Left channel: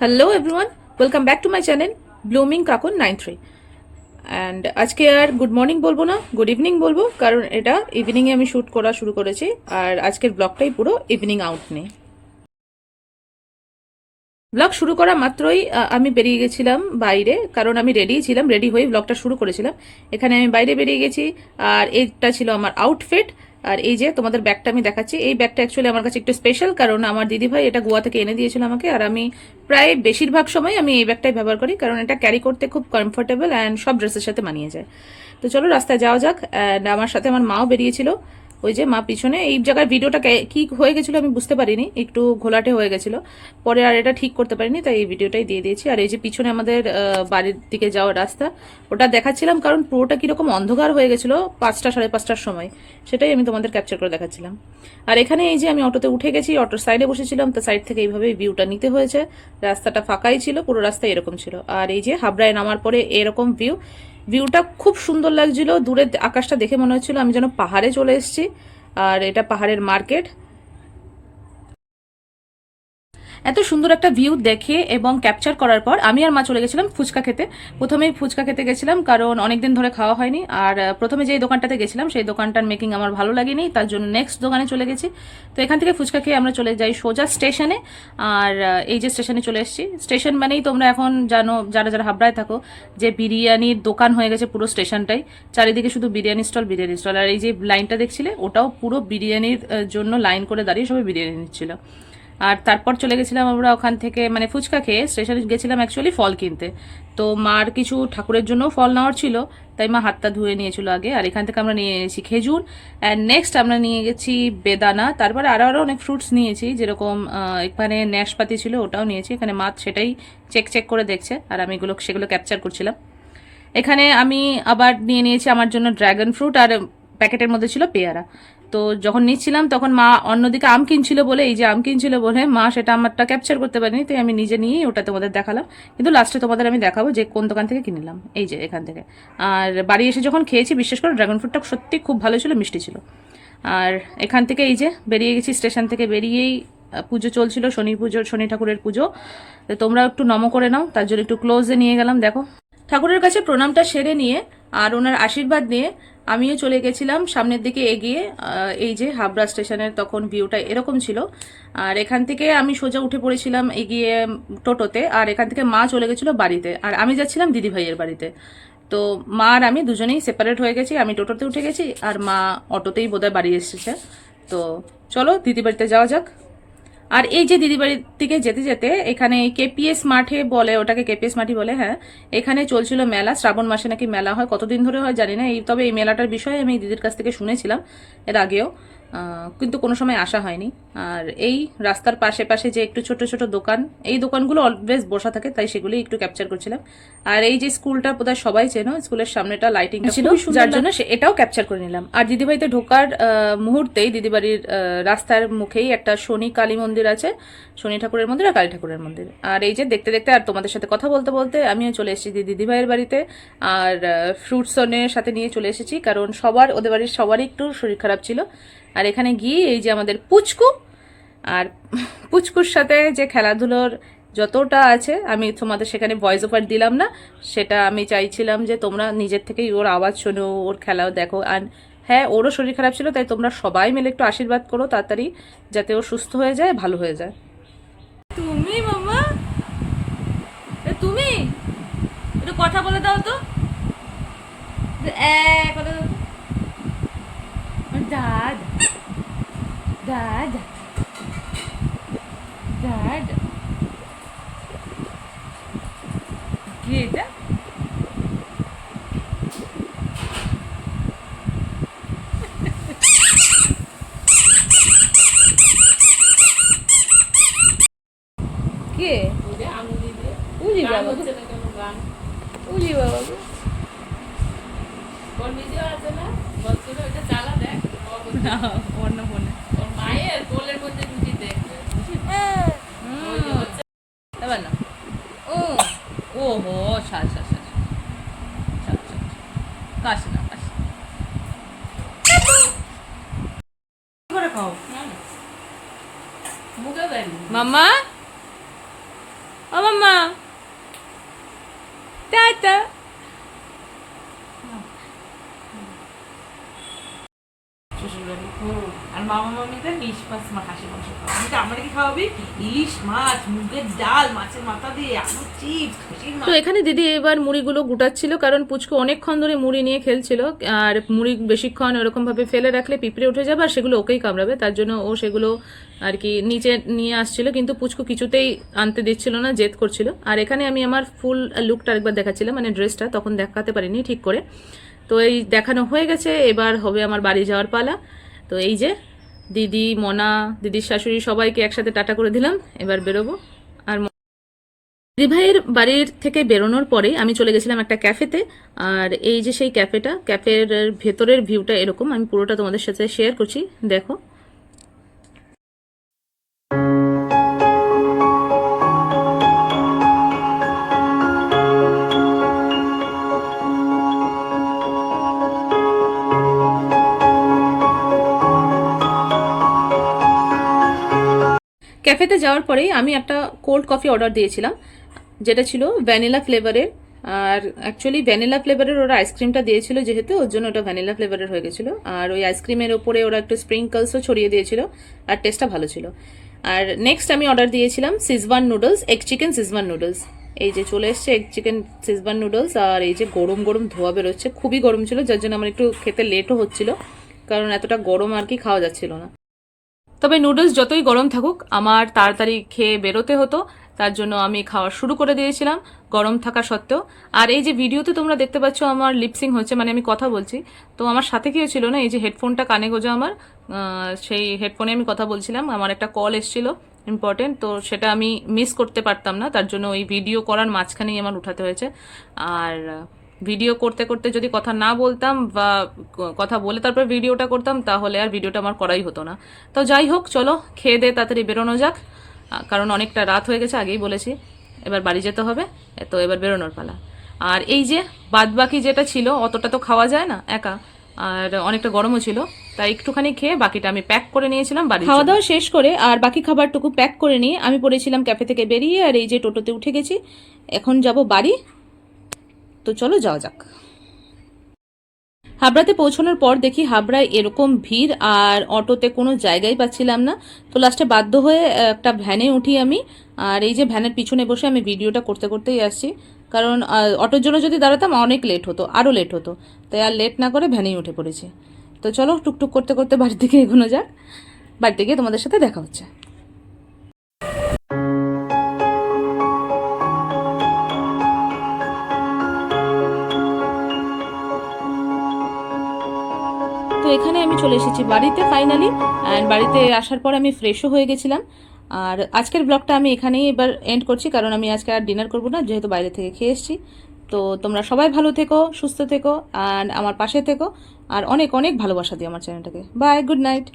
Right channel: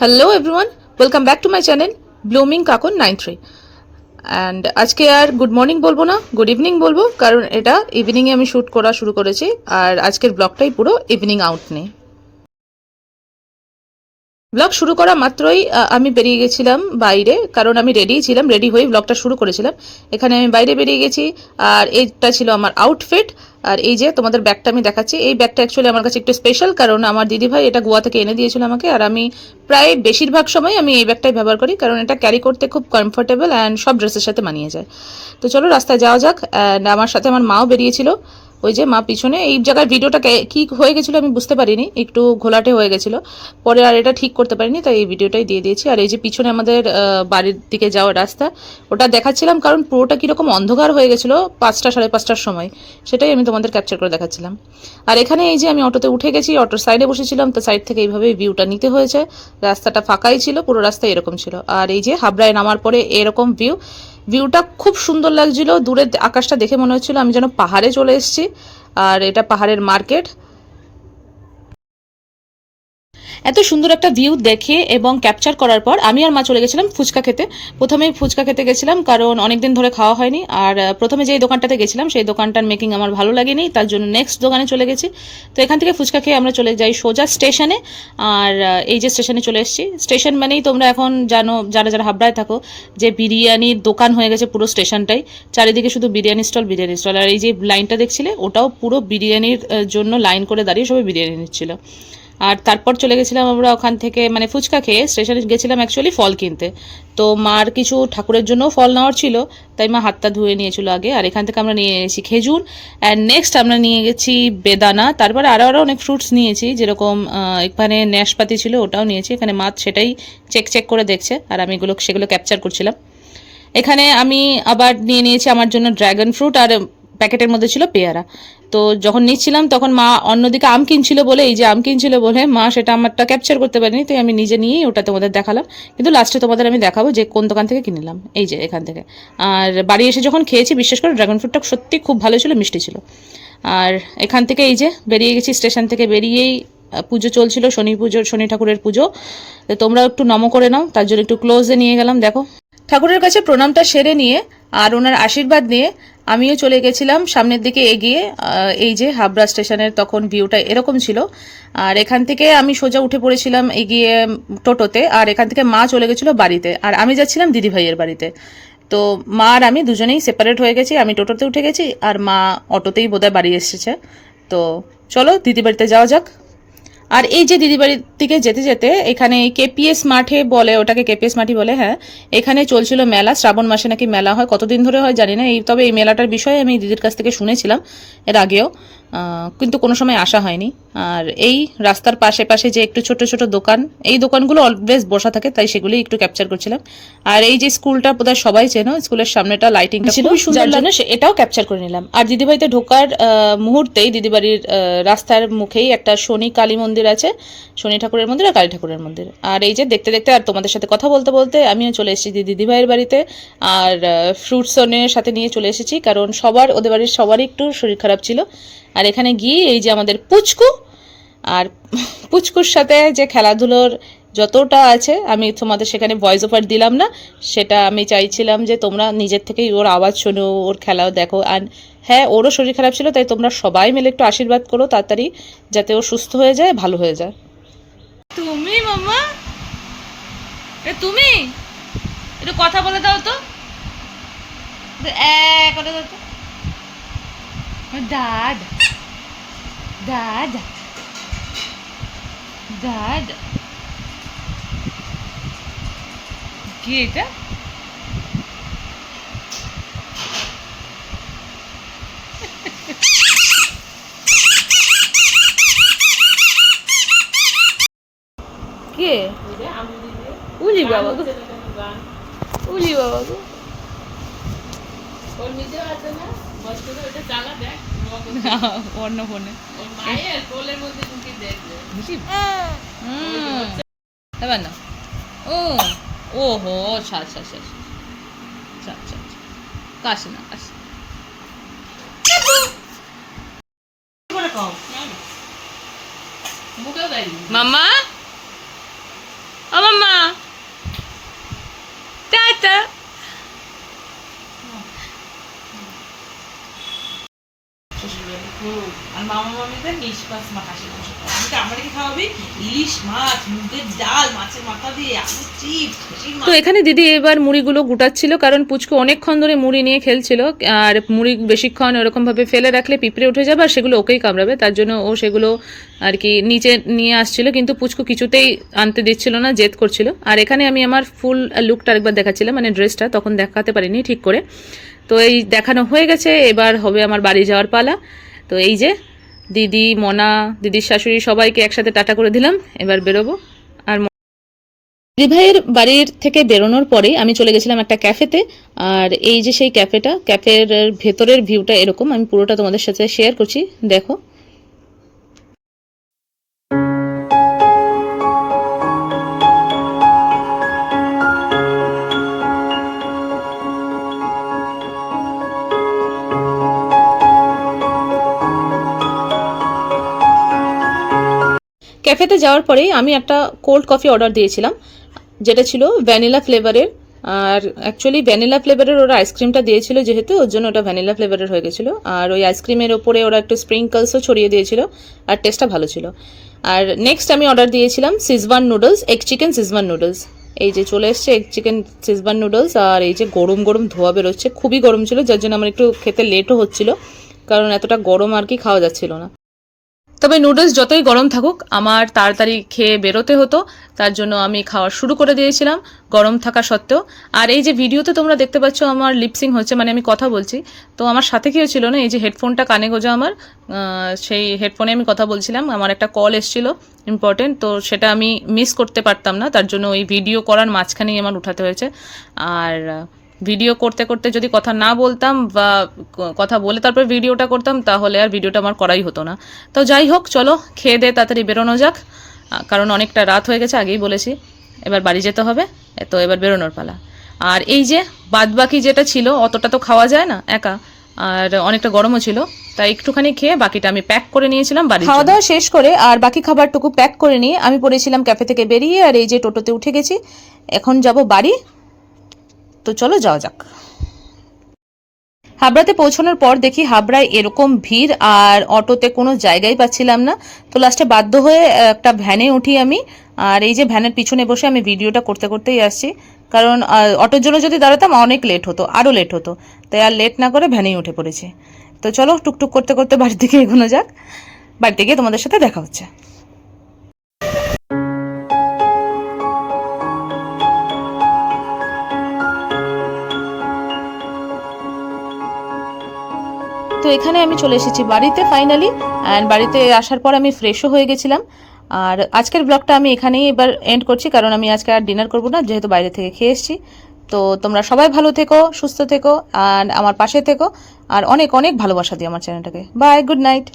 Hello everyone, welcome back to my channel blooming Kakun 93। And আজকে আর good morning বলবো না, গুড ইভিনিং বলবো, কারণ এটা ইভিনিংয়ে আমি শ্যুট করা শুরু করেছি। আর আজকের ব্লগটাই পুরো ইভিনিং আউট নেই। ব্লগ শুরু করা মাত্রই আমি বেরিয়ে গেছিলাম বাইরে, কারণ আমি রেডিই ছিলাম, রেডি হয়ে ব্লগটা শুরু করেছিলাম। এখানে আমি বাইরে বেরিয়ে গেছি, আর এইটা ছিল আমার আউটফিট। আর এই যে তোমাদের ব্যাগটা আমি দেখাচ্ছি, এই ব্যাগটা অ্যাকচুয়ালি আমার কাছে একটু স্পেশাল, কারণ আমার দিদিভাই এটা গোয়া থেকে এনে দিয়েছিল আমাকে। আর আমি প্রায় বেশিরভাগ সময় আমি এই ব্যাগটাই ব্যবহার করি, কারণ এটা ক্যারি করতে খুব কমফোর্টেবল অ্যান্ড সব ড্রেসের সাথে মানিয়ে যায়। তো চলো রাস্তায় যাওয়া যাক। অ্যান্ড আমার সাথে আমার মাও বেরিয়েছিল, ওই যে মা পিছনে। এই জায়গায় ভিডিওটা কি হয়ে গেছিলো আমি বুঝতে পারিনি, একটু ঘোলাটে হয়ে গেছিলো, পরে আর এটা ঠিক করতে পারিনি, তাই এই ভিডিওটাই দিয়ে দিয়েছি। আর এই যে পিছনে আমাদের বাড়ির দিকে যাওয়ার রাস্তা, ওটা দেখাচ্ছিলাম, কারণ পুরোটা কীরকম অন্ধকার হয়ে গেছিলো 5টা সাড়ে 5টার সময়, সেটাই আমি তোমাদের ক্যাপচার করে দেখাচ্ছিলাম। আর এখানে এই যে আমি অটোতে উঠে গেছি, অটোর সাইডে বসেছিলাম, তো সাইড থেকে এইভাবে ভিউটা নিতে হয়েছে। রাস্তাটা ফাঁকাই ছিল, পুরো রাস্তা এরকম ছিল। আর এই যে হাবড়ায় নামার পরে এরকম ভিউটা খুব সুন্দর লাগছিল। দূরের আকাশটা দেখে মনে হচ্ছিল আমি যেন পাহাড়ে চলে এসেছি। আর এটা পাহাড়ের মার্কেট। এত সুন্দর একটা ভিউ দেখে এবং ক্যাপচার করার পর আমি আর মা চলে গেছিলাম ফুচকা খেতে। প্রথমেই ফুচকা খেতে গেছিলাম, কারণ অনেকদিন ধরে খাওয়া হয়নি। আর প্রথমে যে দোকানটাতে গেছিলাম সেই দোকানটার মেকিং আমার ভালো লাগেনি, তার জন্য নেক্সট দোকানে চলে গেছি। তো এখান থেকে ফুচকা খেয়ে আমরা চলে যাই সোজা স্টেশনে। আর এই যে স্টেশনে চলে এসেছি, স্টেশন মানেই তোমরা এখন জানো, যারা যারা হাবড়ায় থাকো, যে বিরিয়ানির দোকান হয়ে গেছে পুরো স্টেশনটাই। চারিদিকে শুধু বিরিয়ানি স্টল, বিরিয়ানি স্টল। আর এই যে লাইনটা দেখছিলে, ওটাও পুরো বিরিয়ানির জন্য লাইন করে দাঁড়িয়ে সবাই বিরিয়ানি নিচ্ছিল। আর তারপর চলে গেছিলাম আমরা ওখান থেকে, মানে ফুচকা খেয়ে স্টেশনে গেছিলাম অ্যাকচুয়ালি ফল কিনতে। তো মার কিছু ঠাকুরের জন্য ফল নেওয়ার ছিল, তাই মা হাতটা ধুয়ে নিয়েছিল আগে। আর এখান থেকে আমরা নিয়ে নিয়েছি খেজুর, অ্যান্ড নেক্সট আমরা নিয়ে গেছি বেদানা। তারপরে আরও অনেক ফ্রুটস নিয়েছি, যেরকম এখানে ন্যাশপাতি ছিল, ওটাও নিয়েছি। এখানে মা সেটাই চেক করে দেখছে, আর আমি সেগুলো ক্যাপচার করছিলাম। এখানে আমি আবার নিয়ে নিয়েছি আমার জন্য ড্রাগন ফ্রুট, আর প্যাকেটের মধ্যে ছিল পেয়ারা। তো যখন নিচ্ছিলাম তখন মা অন্যদিকে আম কিনছিল বলে, এই যে আম কিনছিল বলে মা সেটা আমারটা ক্যাপচার করতে পারিনি, তাই আমি নিজে নিয়েই ওটা তোমাদের দেখালাম। কিন্তু লাস্টে তোমাদের আমি দেখাবো যে কোন দোকান থেকে কিনলাম, এই যে এখান থেকে। আর বাড়ি এসে যখন খেয়েছি, বিশেষ করে ড্রাগন ফ্রুটটা সত্যি খুব ভালো ছিল, মিষ্টি ছিল। আর এখান থেকে এই যে বেরিয়ে গেছি, স্টেশন থেকে বেরিয়েই পুজো চলছিল, শনি ঠাকুরের পুজো। তো তোমরা একটু নমো করে নাও, তার জন্য একটু ক্লোজে নিয়ে গেলাম। দেখো, ঠাকুরের কাছে প্রণামটা সেরে নিয়ে আর ওনার আশীর্বাদ নিয়ে আমিও চলে গেছিলাম সামনের দিকে এগিয়ে। এই যে হাবড়া স্টেশনের তখন ভিউটা এরকম ছিল। আর এখান থেকে আমি সোজা উঠে পড়েছিলাম এগিয়ে টোটোতে, আর এখান থেকে মা চলে গেছিলো বাড়িতে, আর আমি যাচ্ছিলাম দিদিভাইয়ের বাড়িতে। তো মা আর আমি দুজনেই সেপারেট হয়ে গেছি, আমি টোটোতে উঠে গেছি আর মা অটোতেই বোধহয় বাড়ি এসেছে। তো চলো দিদি বাড়িতে যাওয়া যাক। আর এই যে দিদি বাড়ির দিকে যেতে যেতে এখানে কেপিএস মাঠে বলে, ওটাকে কেপিএস মাঠই বলে, হ্যাঁ, এখানে চলছিল মেলা। শ্রাবণ মাসে নাকি মেলা হয়, কতদিন ধরে হয় জানি না। তবে এই মেলাটার বিষয়ে আমি দিদির কাছ থেকে শুনেছিলাম এর আগেও, কিন্তু কোনো সময় আসা হয়নি। আর এই রাস্তার পাশে পাশে যে একটু ছোট ছোট দোকান, এই দোকানগুলো অলওয়েজ বসা থাকে, তাই সেগুলোই একটু ক্যাপচার করছিলাম। আর এই যে স্কুলটা বোধহয় সবাই চেনো, স্কুলের সামনেটা লাইটিংটা ছিল, যার জন্য এটাও ক্যাপচার করে নিলাম। আর দিদিবাড়িতে ঢোকার মুহূর্তেই দিদিবাড়ির রাস্তার মুখেই একটা শনি কালী মন্দির আছে, শনি ঠাকুরের মন্দির আর কালী ঠাকুরের মন্দির। আর এই যে দেখতে দেখতে আর তোমাদের সাথে কথা বলতে বলতে আমিও চলে এসেছি দিদিভাইয়ের বাড়িতে। আর ফ্রুটসনের সাথে নিয়ে চলে এসেছি, কারণ ওদের বাড়ির সবারই একটু শরীর খারাপ ছিল। আর এখানে গিয়ে এই যে আমাদের পুচকু, আর পুচকুর সাথে যে খেলাধুলোর যতটা আছে, আমি তোমাদের সেখানে ভয়েস ওভার দিলাম না, সেটা আমি চাইছিলাম যে তোমরা নিজের থেকেই ওর আওয়াজ শোনো, ওর খেলাও দেখো। আর হ্যাঁ, ওরও শরীর খারাপ ছিল, তাই তোমরা সবাই মিলে একটু আশীর্বাদ করো তাড়াতাড়ি, যাতে ও সুস্থ হয়ে যায়, ভালো হয়ে যায়। তুমি মাম্মা, তুমি একটু কথা বলে দাও তো, কথা দাও তো। দাদ দাদ দাদ, কি এটা? কে? উলি বাবা গো, উলি বাবা গো। অন্য ফোনে এবার না। ও ও হো, সাজ সাজ সাজ, কাশ না কাশ। মাম্মা, ও মাম্মা, টাটা। আর মামা মামিদের নিষ্পাস হাসি মাংস খাওয়া, আমরা কি খাওয়াবি ইলিশ মাছ, মুগের ডাল, মাছের মাথা দিয়ে আলু চিপস। তো এখানে দিদি এবার মুড়িগুলো গুটাচ্ছিল, কারণ পুচকু অনেকক্ষণ ধরে মুড়ি নিয়ে খেলছিল, আর মুড়ি বেশিক্ষণ ওরকম ভাবে ফেলে রাখলে পিঁপড়ে উঠে যাবে আর সেগুলো ওকেই কামড়াবে, তার জন্য ও সেগুলো আর কি নিচে নিয়ে আসছিল, কিন্তু পুচকু কিছুতেই আনতে দিচ্ছিল না, জেদ করছিল। আর এখানে আমি আমার ফুল লুকটা আরেকবার দেখাচ্ছিলাম, মানে ড্রেসটা তখন দেখাতে পারিনি ঠিক করে। তো এই দেখানো হয়ে গেছে, এবার হবে আমার বাড়ি যাওয়ার পালা। তো এই যে দিদি, মনা, দিদির শাশুড়ি সবাইকে একসাথে টাটা করে দিলাম, এবার বেরোবো। আর দিদি ভাইয়ের বাড়ির থেকে বেরোনোর পরে আমি চলে গেছিলাম একটা ক্যাফেতে, আর এই যে সেই ক্যাফেটা, ক্যাফের ভেতরের ভিউটা এরকম, আমি পুরোটা তোমাদের সাথে শেয়ার করছি, দেখো। ক্যাফেতে যাওয়ার পরেই আমি একটা কোল্ড কফি অর্ডার দিয়েছিলাম, যেটা ছিল ভ্যানিলা ফ্লেভারের। আর অ্যাকচুয়ালি ভ্যানিলা ফ্লেভারের ওরা আইসক্রিমটা দিয়েছিল, যেহেতু ওর জন্য ওটা ভ্যানিলা ফ্লেভারের হয়ে গেছিলো। আর ওই আইসক্রিমের ওপরে ওরা একটু স্প্রিঙ্কলসও ছড়িয়ে দিয়েছিল, আর টেস্টটা ভালো ছিল। আর নেক্সট আমি অর্ডার দিয়েছিলাম Szechuan noodles, egg chicken Szechuan noodles. এই যে চলে এসছে এগ চিকেন সিজওয়ান নুডলস, আর এই যে গরম গরম ধোয়া বেরোচ্ছে, খুবই গরম ছিল, যার জন্য আমার একটু খেতে লেটও হচ্ছিল, কারণ এতটা গরম আর কি খাওয়া যাচ্ছিল না। তবে নুডলস যতই গরম থাকুক আমার তাড়াতাড়ি খেয়ে বেরোতে হতো, তার জন্য আমি খাওয়া শুরু করে দিয়েছিলাম গরম থাকা সত্ত্বেও। আর এই যে ভিডিওতে তোমরা দেখতে পাচ্ছ আমার লিপসিং হচ্ছে, মানে আমি কথা বলছি, তো আমার সাথে কেউ ছিল না, এই যে হেডফোনটা কানে গোজা আমার, সেই হেডফোনে আমি কথা বলছিলাম, আমার একটা কল এসেছিল ইম্পর্টেন্ট, তো সেটা আমি মিস করতে পারতাম না, তার জন্য ওই ভিডিও করার মাঝখানেই আমার উঠাতে হয়েছে। আর ভিডিও করতে করতে যদি কথা না বলতাম বা কথা বলে তারপর ভিডিওটা করতাম, তাহলে আর ভিডিওটা আমার করাই হতো না। তো যাই হোক, চলো খেয়ে দে তাড়াতাড়ি বেরোনো যাক, কারণ অনেকটা রাত হয়ে গেছে, আগেই বলেছি, এবার বাড়ি যেতে হবে, তো এবার বেরোনোর পালা। আর এই যে বাদ বাকি যেটা ছিল, অতটা তো খাওয়া যায় না একা, আর অনেকটা গরমও ছিল, তাই একটুখানি খেয়ে বাকিটা আমি প্যাক করে নিয়েছিলাম বাড়ি। খাওয়া দাওয়া শেষ করে আর বাকি খাবারটুকু প্যাক করে নিয়ে আমি পড়েছিলাম ক্যাফে থেকে বেরিয়ে, আর এই যে টোটোতে উঠে গেছি, এখন যাব বাড়ি। তো চলো যাওয়া যাক। হাবড়াতে পৌঁছানোর পর দেখি হাবড়ায় এরকম ভিড়, আর অটোতে কোনো জায়গায় পাচ্ছিলাম না, তো লাস্টে বাধ্য হয়ে একটা ভ্যানে উঠি আমি। আর এই যে ভ্যানের পিছনে বসে আমি ভিডিওটা করতে করতেই আসছি, কারণ অটোর জন্য যদি দাঁড়াতাম অনেক লেট হতো, আরও লেট হতো, তাই আর লেট না করে ভ্যানেই উঠে পড়েছি। তো চলো টুকটুক করতে করতে বাড়ির দিকে এগোনো যাক, বাড়িতে গিয়ে তোমাদের সাথে দেখা হচ্ছে। তো এখানে আমি চলে এসেছি বাড়িতে ফাইনালি, অ্যান্ড বাড়িতে আসার পর আমি ফ্রেশও হয়ে গেছিলাম। আর আজকের ব্লগটা আমি এখানেই এবার এন্ড করছি, কারণ আমি আজকে আর ডিনার করবো না, যেহেতু বাইরে থেকে খেয়ে এসেছি। তো তোমরা সবাই ভালো থেকো, সুস্থ থেকো, আর আমার পাশে থেকো, আর অনেক অনেক ভালোবাসা দিও আমার চ্যানেলটাকে। Bye, good night.